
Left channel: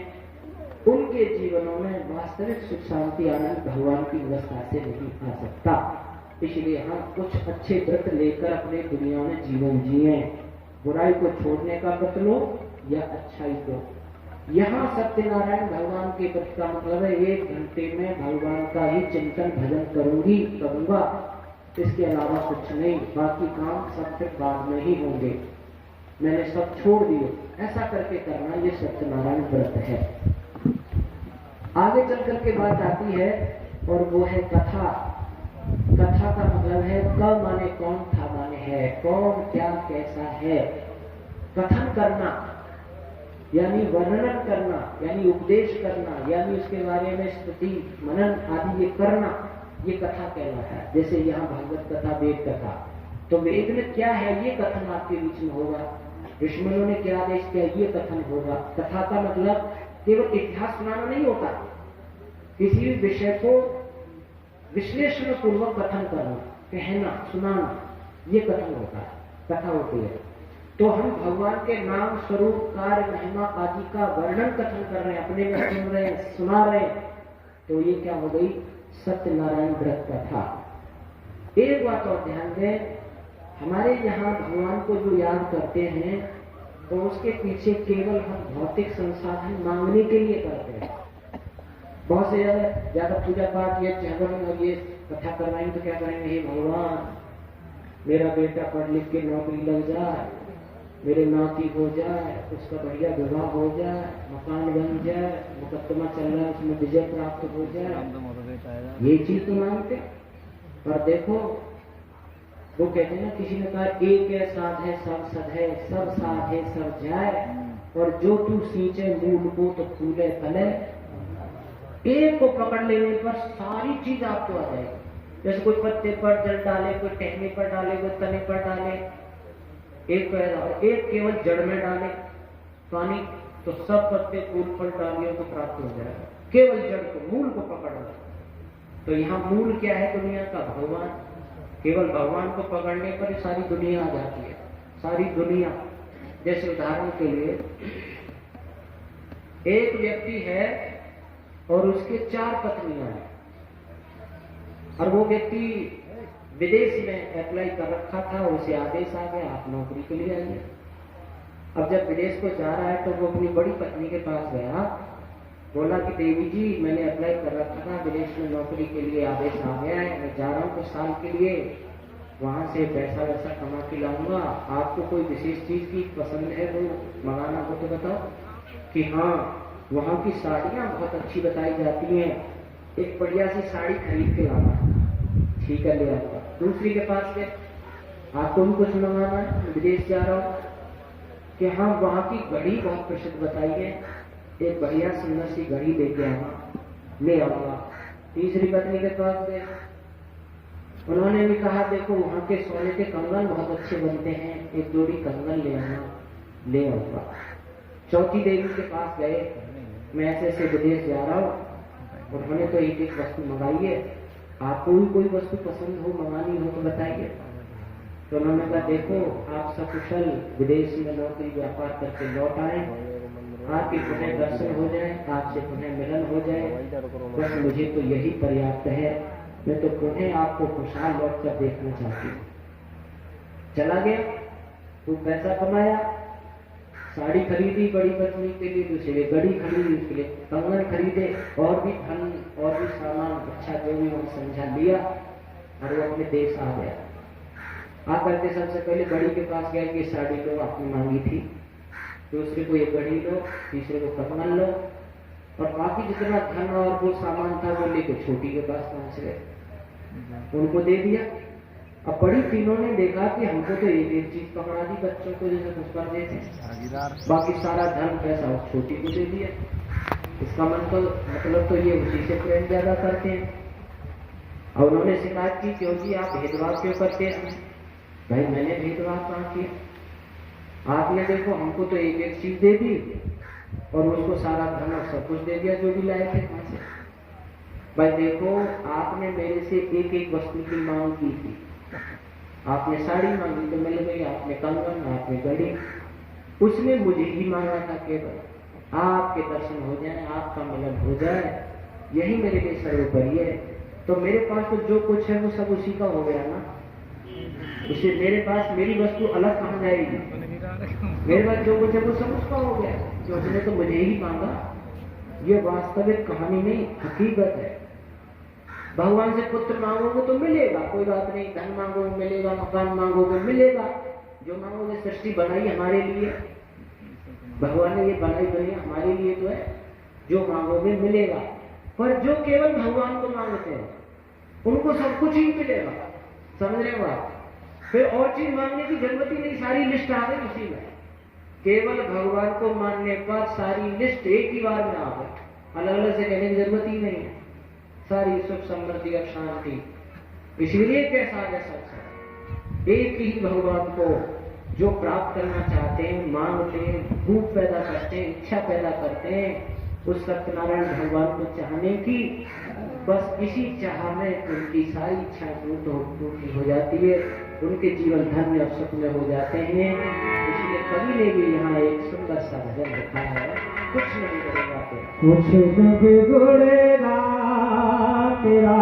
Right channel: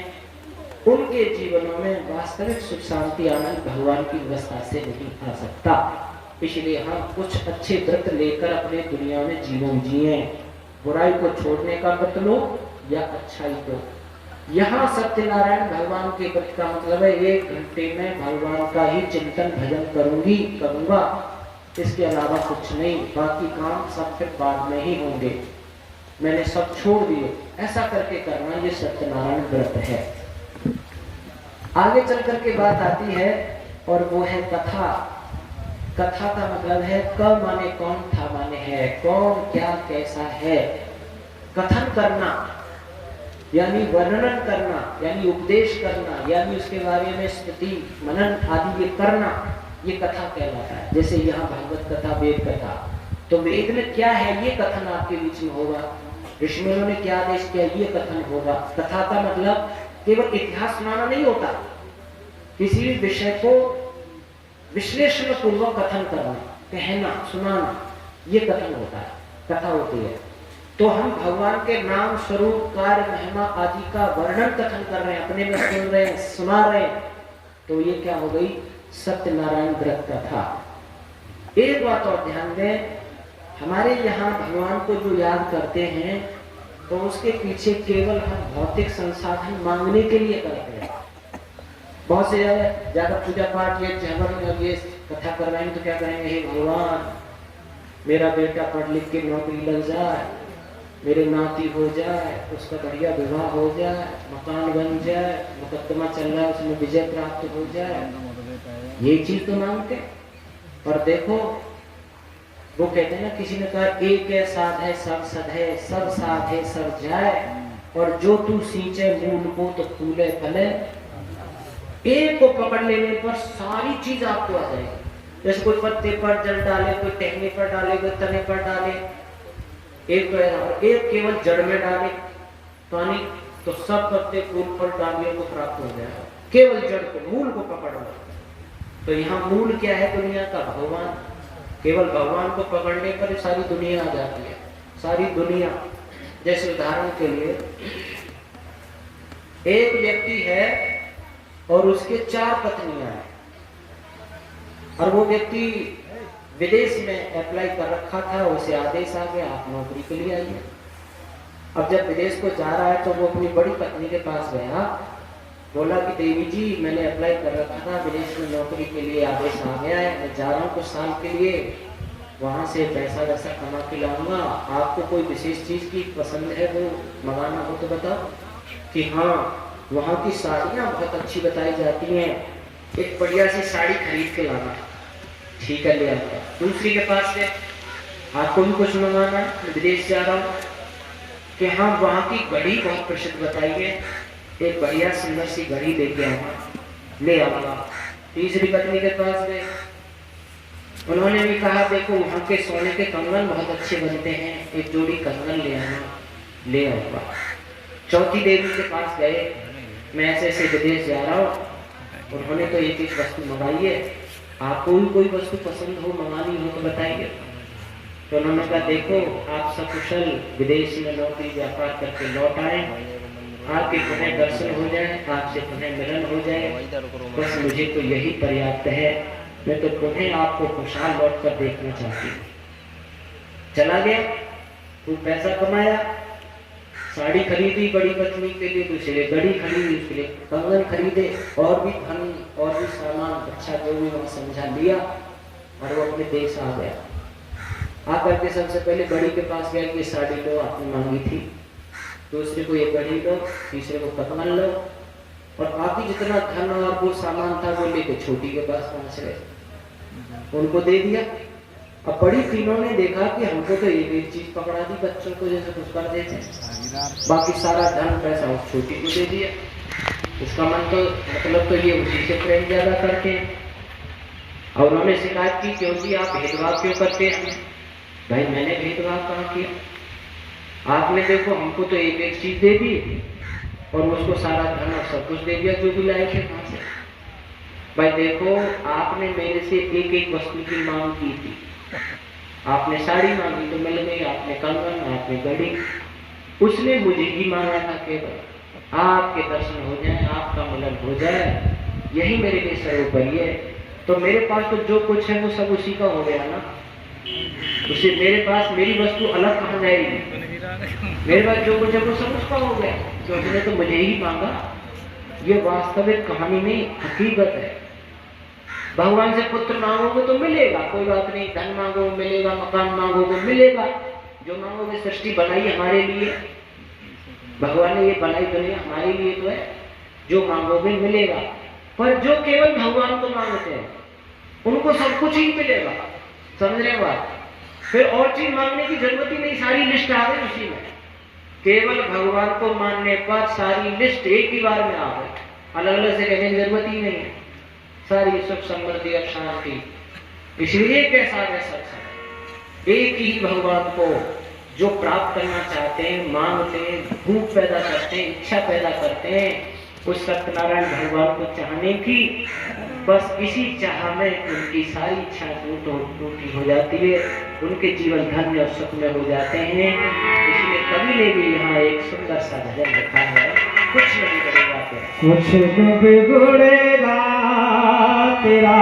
उनके जीवनों में वास्तविक सुख शांति आनंद भगवान की व्यवस्था से नहीं आ सकता। इसलिए हम कुछ अच्छे व्रत लेकर अपने दुनिया में जीवन जिए। बुराई को छोड़ने का व्रत लो या अच्छाई को। यहाँ सत्यनारायण भगवान के व्रत का मतलब है 1 घंटे में भगवान का ही चिंतन भजन करूंगा, इसके अलावा कुछ नहीं। बाकी काम सब फिर बाद में ही होंगे, मैंने सब छोड़ दिए। ऐसा करके करना, ये सत्यनारायण व्रत है। आगे चल करके बात आती है और वो है कथा। कथा का मतलब है क माने कौन, था माने है, कौन क्या कैसा है। कथन करना यानी वर्णन करना, यानी उपदेश करना, यानी उसके बारे में स्तुति मनन आदि ये करना, ये कथा कहलाता है। जैसे यहाँ भागवत कथा, वेद कथा, तो वेद में क्या है ये कथन आपके बीच में होगा। ऋषिमुनियों ने क्या आदेश किया, ये कथन होगा। कथा का मतलब केवल इतिहास सुनाना नहीं होता, किसी भी विषय को विश्लेषण पूर्वक कथन करना, कहना, सुनाना, ये कथन होता है, कथा होती है। तो हम भगवान के नाम, स्वरूप, कार्य, महिमा आदि का वर्णन कथन कर रहे हैं, अपने में सुन रहे हैं, सुना रहे हैं, तो ये क्या हो गई, सत्यनारायण व्रत कथा। एक बात और ध्यान दें, हमारे यहाँ भगवान को जो याद करते हैं तो उसके पीछे केवल हम भौतिक संसाधन मांगने के लिए करते हैं। बहुत से ज्यादा पूजा पाठ ये ये कथा करवाएंगे तो क्या करेंगे, हे भगवान मेरा बेटा पढ़ लिख के नौकरी लग जाए, मेरे नाती हो जाए, उसका बढ़िया विवाह हो जाए, मकान बन जाए, मुकदमा चल रहा है उसमें विजय प्राप्त हो जाए, ये चीज तो मांगते। और देखो वो कहते हैं ना, किसी ने कहा एक है साध है सब सद है, सब साध है सब जाए, और जो तू सींचे मूल को तो फूले फले। एक को पकड़ लेने पर सारी चीज आपको आ जाएगी। जैसे कोई पत्ते पर जल डाले, कोई टहनी पर डाले, कोई तने पर डाले, एक केवल जड़ में डाले पानी तो सब पत्ते फूल पर डालियों को प्राप्त हो जाएगा। केवल जड़ को, मूल को पकड़ना। तो यहाँ मूल क्या है दुनिया का, भगवान। केवल भगवान को पकड़ने पर सारी दुनिया आ जाती है, सारी दुनिया। जैसे उदाहरण के लिए एक व्यक्ति है और उसके 4 पत्नियां हैं, और वो व्यक्ति विदेश में अप्लाई कर रखा था, उसे आदेश आ गया आप नौकरी के लिए आइए। अब जब विदेश को जा रहा है तो वो अपनी बड़ी पत्नी के पास गया, बोला कि देवी जी मैंने अप्लाई कर रखा था, विदेश में नौकरी के लिए आदेश आ गया है, मैं जा रहा हूँ कुछ साल के लिए, वहाँ से पैसा वैसा कमा के लाऊंगा, आपको कोई विशेष चीज़ की पसंद है वो मंगाना हो तो बताओ। कि हाँ वहाँ की साड़ियाँ बहुत अच्छी बताई जाती हैं, एक बढ़िया सी साड़ी खरीद के लाना। ठीक है ले आता। दूसरी के पास से आपको भी कुछ मंगाना है, विदेश जा रहा हूँ, कि हाँ वहाँ की घड़ी बहुत प्रसिद्ध बताई है, एक बढ़िया सुंदर सी घड़ी लेके आना, ले आऊंगा। तीसरी पत्नी के पास गए, उन्होंने भी कहा देखो वहाँ के सोने के कंगन बहुत अच्छे बनते हैं, एक जोड़ी कंगन ले आना, ले आऊंगा। चौथी देवी के पास गए, मैं ऐसे ऐसे विदेश जा रहा हूँ, उन्होंने तो एक एक वस्तु मंगाई है, आपको भी कोई वस्तु पसंद हो मंगानी हो तो बताइए। तो उन्होंने कहा देखो आप सकुशल विदेश में नौकरी व्यापार करके लौट आए, आपके पुनः दर्शन हो जाए, आपसे पुनः मिलन हो जाए, बस मुझे तो यही पर्याप्त है, मैं तो पुनः आपको खुशहाल लौट कर देखना चाहती हूँ। चला गया, खूब पैसा कमाया, साड़ी खरीदी बड़ी पत्नी के लिए, दूसरे घड़ी खरीदी, उसके लिए कंगन खरीदे, और भी धन और भी सामान अच्छा जो भी वहाँ समझा लिया, और वो अपने देश आ गया। आकर के सबसे पहले बड़ी के पास गया, ये साड़ी लो आपने मांगी थी, दूसरे को ये घड़ी लो, तीसरे को कंगन लो, और बाकी जितना धन और वो सामान था वो लेके छोटी के पास पहुंच गए, उनको दे दिया। अब बड़ी तीनों ने देखा कि हमको तो एक चीज पकड़ा दी, बच्चों को जैसे कुछ कर देते, बाकी सारा धन पैसा उस छोटी को दे दिया। इसका मतलब तो ये उसी से प्रेम ज्यादा करते हैं। और उन्होंने शिकायत की, क्यों जी आप भेदभाव क्यों करते हैं? भाई मैंने भेदभाव कहाँ किया? आपने देखो हमको तो एक चीज दे दी और उसको सारा धन और सब कुछ दे दिया जो भी लाए थे कहाँ से। भाई देखो आपने मेरे से एक वस्तु की मांग की थी, आपने साड़ी मांगी तो मिल गई, आपने कंगन, आपने घड़ी, उसने मुझे ही मांगा था केवल आपके दर्शन हो जाए, आपका मिलन हो जाए, यही मेरे लिए सर्वोपरि है। तो मेरे पास तो जो कुछ है वो सब उसी का हो गया ना, उसे मेरे पास मेरी वस्तु अलग कहाँ जाएगी? मेरे पास जो कुछ है वो सब उसका हो गया, तो उसने तो मुझे ही मांगा। ये वास्तविक कहानी नहीं, हकीकत है। भगवान से पुत्र मांगोगे तो मिलेगा, कोई बात नहीं, धन मांगो मिलेगा, मकान मांगोगे मिलेगा, जो मांगोगे। सृष्टि बनाई हमारे लिए, भगवान ने ये बनाई दुनिया हमारे लिए तो है, जो मांगोगे मिलेगा। पर जो केवल भगवान को मांगते हैं उनको सब कुछ ही मिलेगा, समझ रहे बात? फिर और चीज मांगने की जरूरत ही नहीं, सारी लिस्ट आ गई उसी में। केवल भगवान को मानने पर सारी लिस्ट एक ही बार में आ गई, अलग अलग से कहने की जरूरत ही नहीं है, सारी सुख समृद्धि और शांति। इसलिए कैसा है सत्संग, एक ही भगवान को जो प्राप्त करना चाहते हैं, मांगते हैं, भूख पैदा करते हैं, इच्छा पैदा करते हैं, उस सत्यनारायण भगवान को चाहने की, बस इसी चाह में उनकी सारी इच्छा पूरी हो जाती है, उनके जीवन धन्य और सुख में हो जाते हैं। इसलिए कवि ने भी यहाँ एक सुंदर सा भजन लिखा है, कुछ नहीं बिगड़ेगा तेरा, कुछ नहीं बिगड़ेगा तेरा,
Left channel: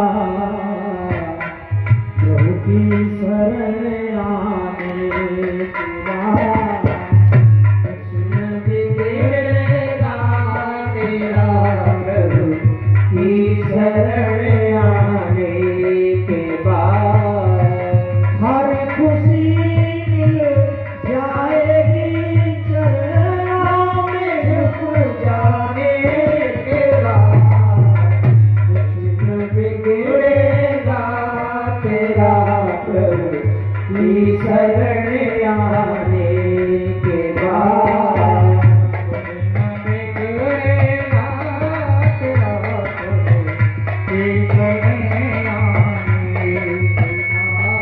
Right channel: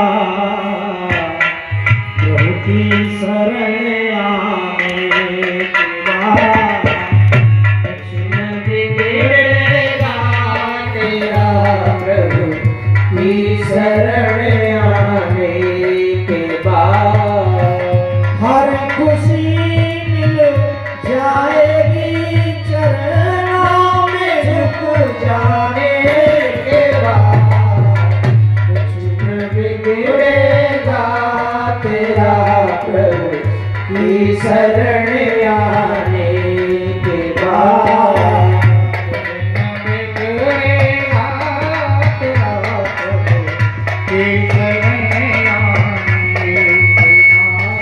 प्रभु की शरण आने के बाद, कुछ नहीं बिगड़ेगा तेरा, प्रभु की शरण आने के बाद, हर खुशी मिल जाएगी चरणों में झुक जाने के बाद, कुछ न बिगड़ेगा तेरा, प्रभु की शरण आने के बाद, कुछ न बिगड़ेगा तेरा, प्रभु की शरण आने के बाद,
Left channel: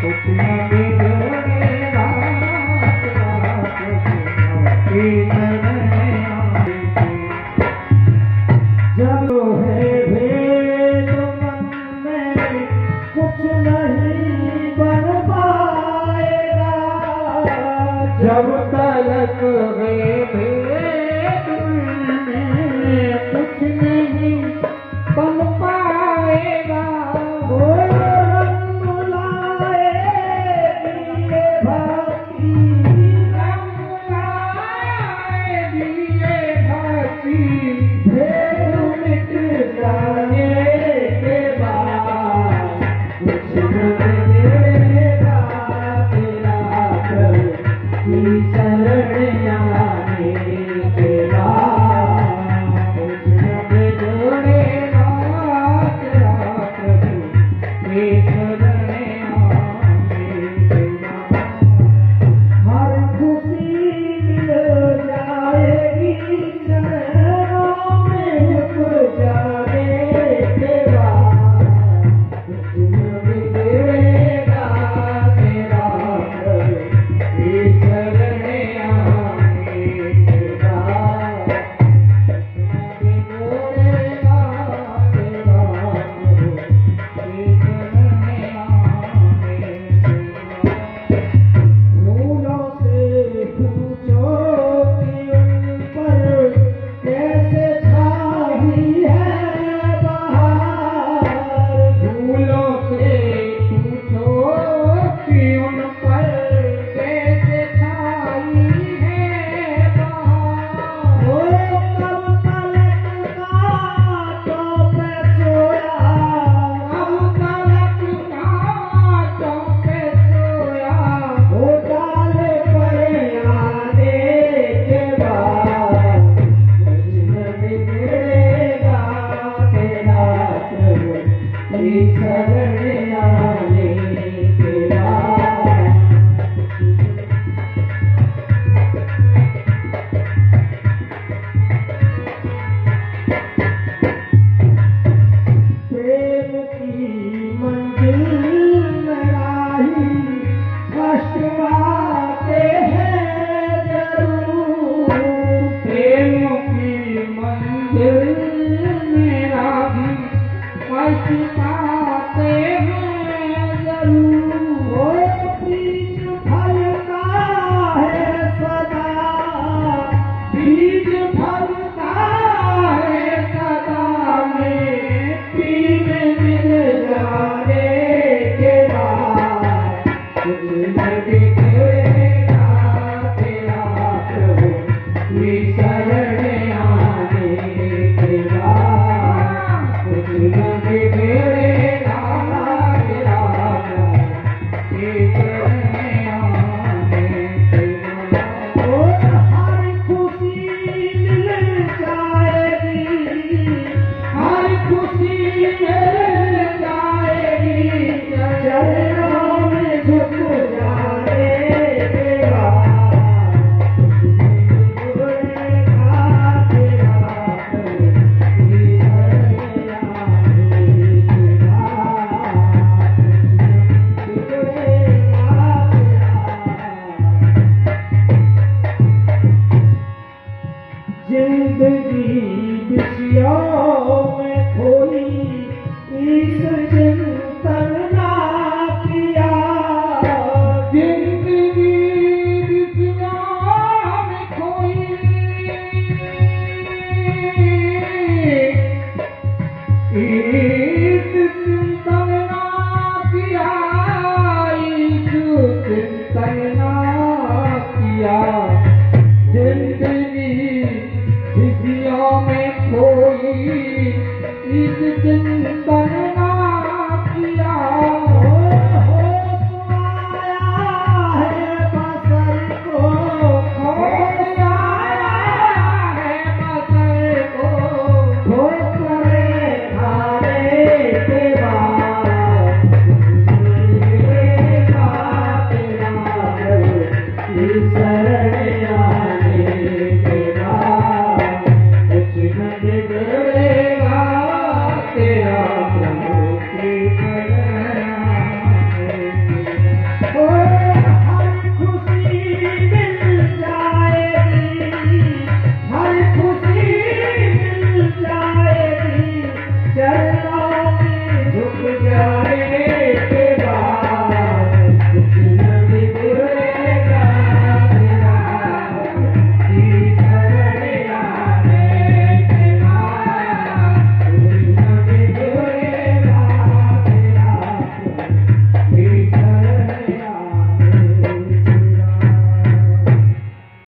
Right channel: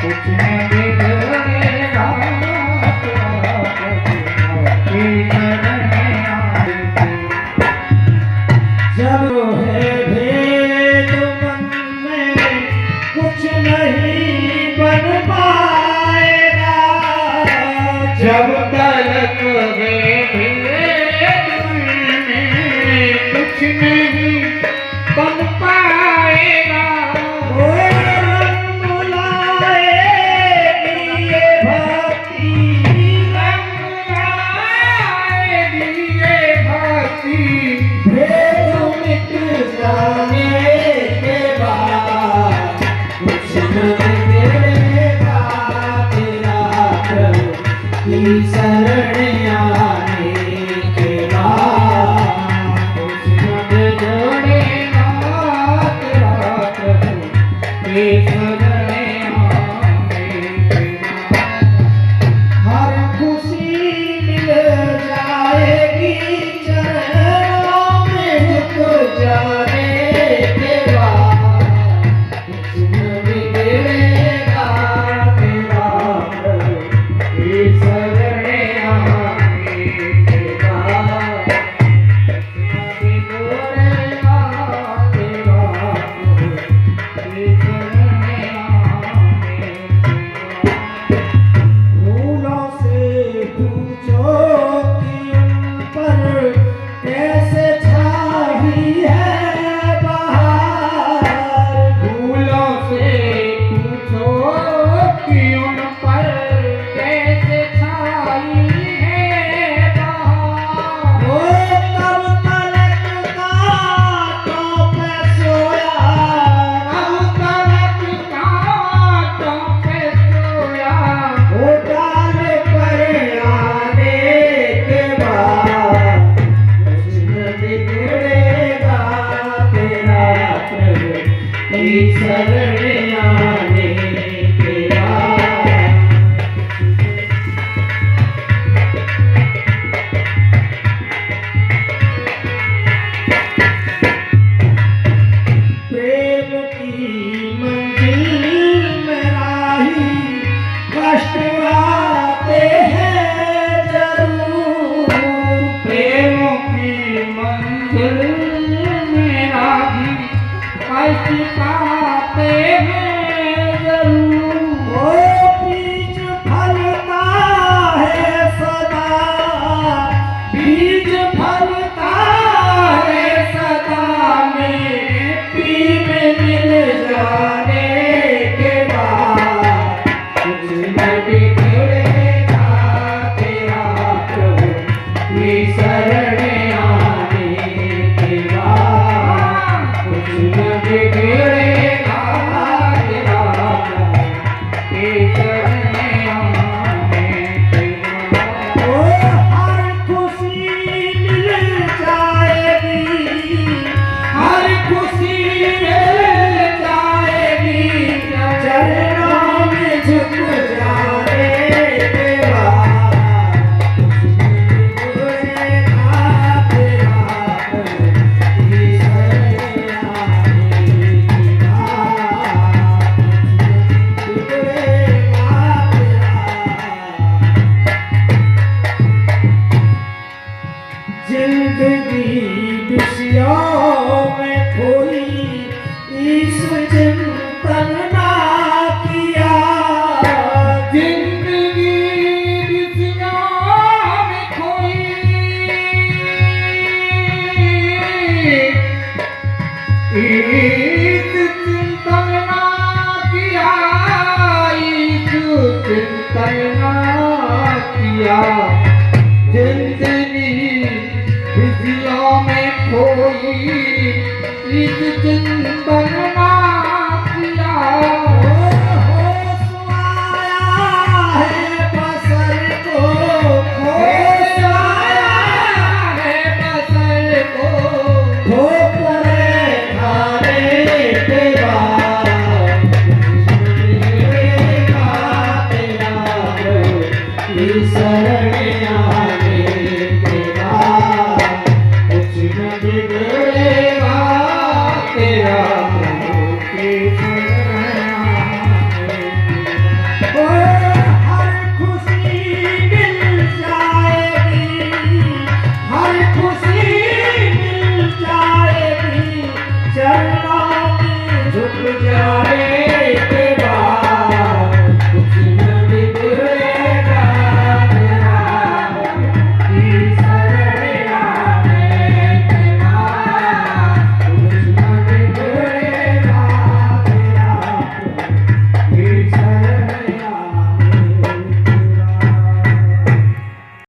कुछ न बिगड़ेगा तेरा, प्रभु की शरण आने के बाद। जब है भेद मन में कुछ नहीं बन पाएगा, प्रभु की शरण आने के बाद। प्रेम की मंजिल में राही कष्ट आते हैं जरूर। प्रेम की मंजिल में राही कष्ट आते हैं जरूर। ओ बीज फलता है सदा, बीज फलता है सदा, मिट्टी में मिल जाने के बाद कुछ न बिगड़ेगा तेरा प्रभु की शरण आने के बाद। कुछ न बिगड़ेगा तेरा प्रभु की शरण आने के बाद। ओ हर खुशी मिल जाएगी, हर खुशी मिल जाएगी, चरणों में झुक जाने के बाद। बिगड़ेगा तेरा प्रभु की शरण आने के बाद। बिगड़ेगा तेरा। जिंदगी विषयों में खोई इस चिंतन ना किया। जिंदगी विषयों में खोई इस चिंतन ना किया, इस चिंतन ना किया। जिंदगी विषयों में खोई इस चिंतन ना